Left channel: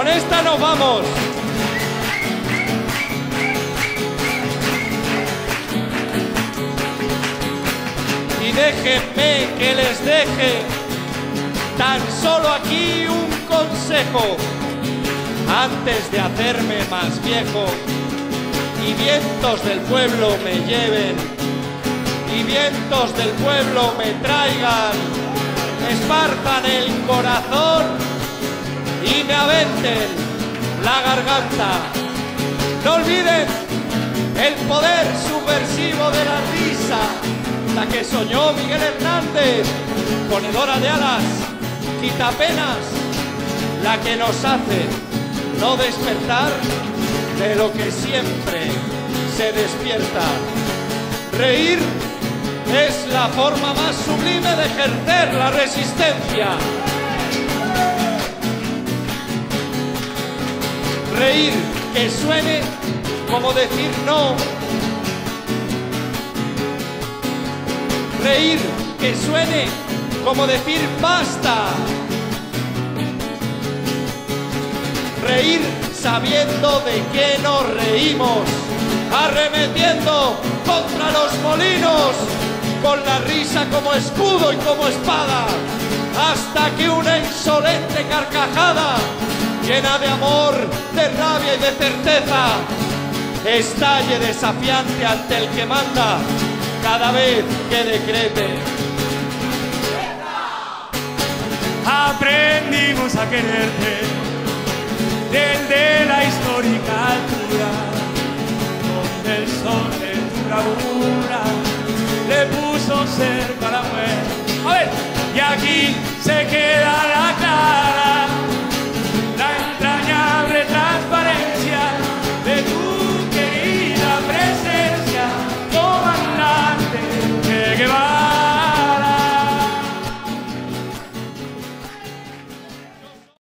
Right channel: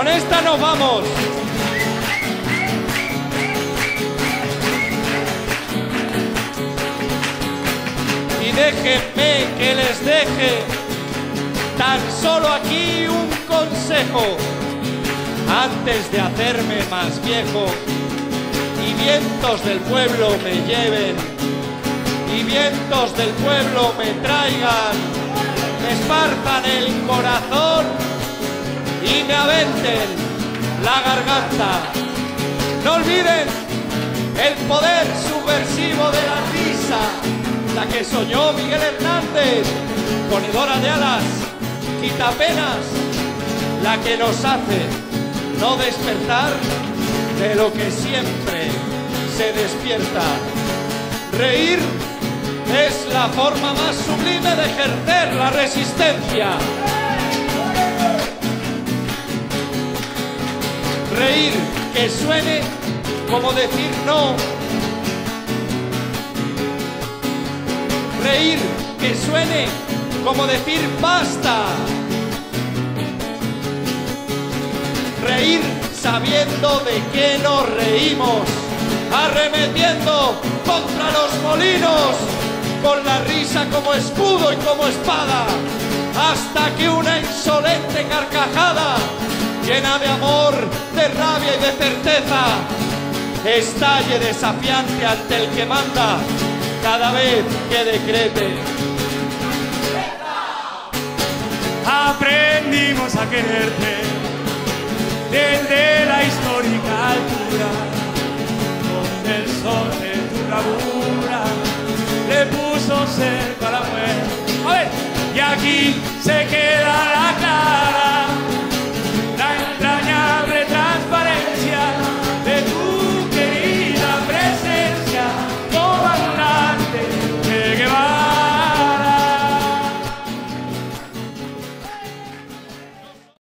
Con esta nos vamos. Y déjenme que les deje tan solo aquí un consejo antes de hacerme más viejo y vientos del pueblo me lleven y vientos del pueblo me traigan, me esparzan el corazón y me aventen la garganta. No olviden el poder subversivo de la risa, la que soñó Miguel Hernández, ponedora de alas, quitapenas, la que nos hace no despertar de lo que siempre se despierta. Reír es la forma más sublime de ejercer la resistencia. Reír que suene como decir no. Reír que suene como decir basta. Reír sabiendo de qué nos reímos, arremetiendo contra los molinos, con la risa como escudo y como espada, hasta que una insolente carcajada, llena de amor, de rabia y de certeza, estalle desafiante ante el que manda cada vez que decrete. Aprendimos a quererte desde la histórica altura, donde el sol de tu bravura le puso cerca a la muerte. A ver, y aquí se queda la clara, la entrañable transparencia de tu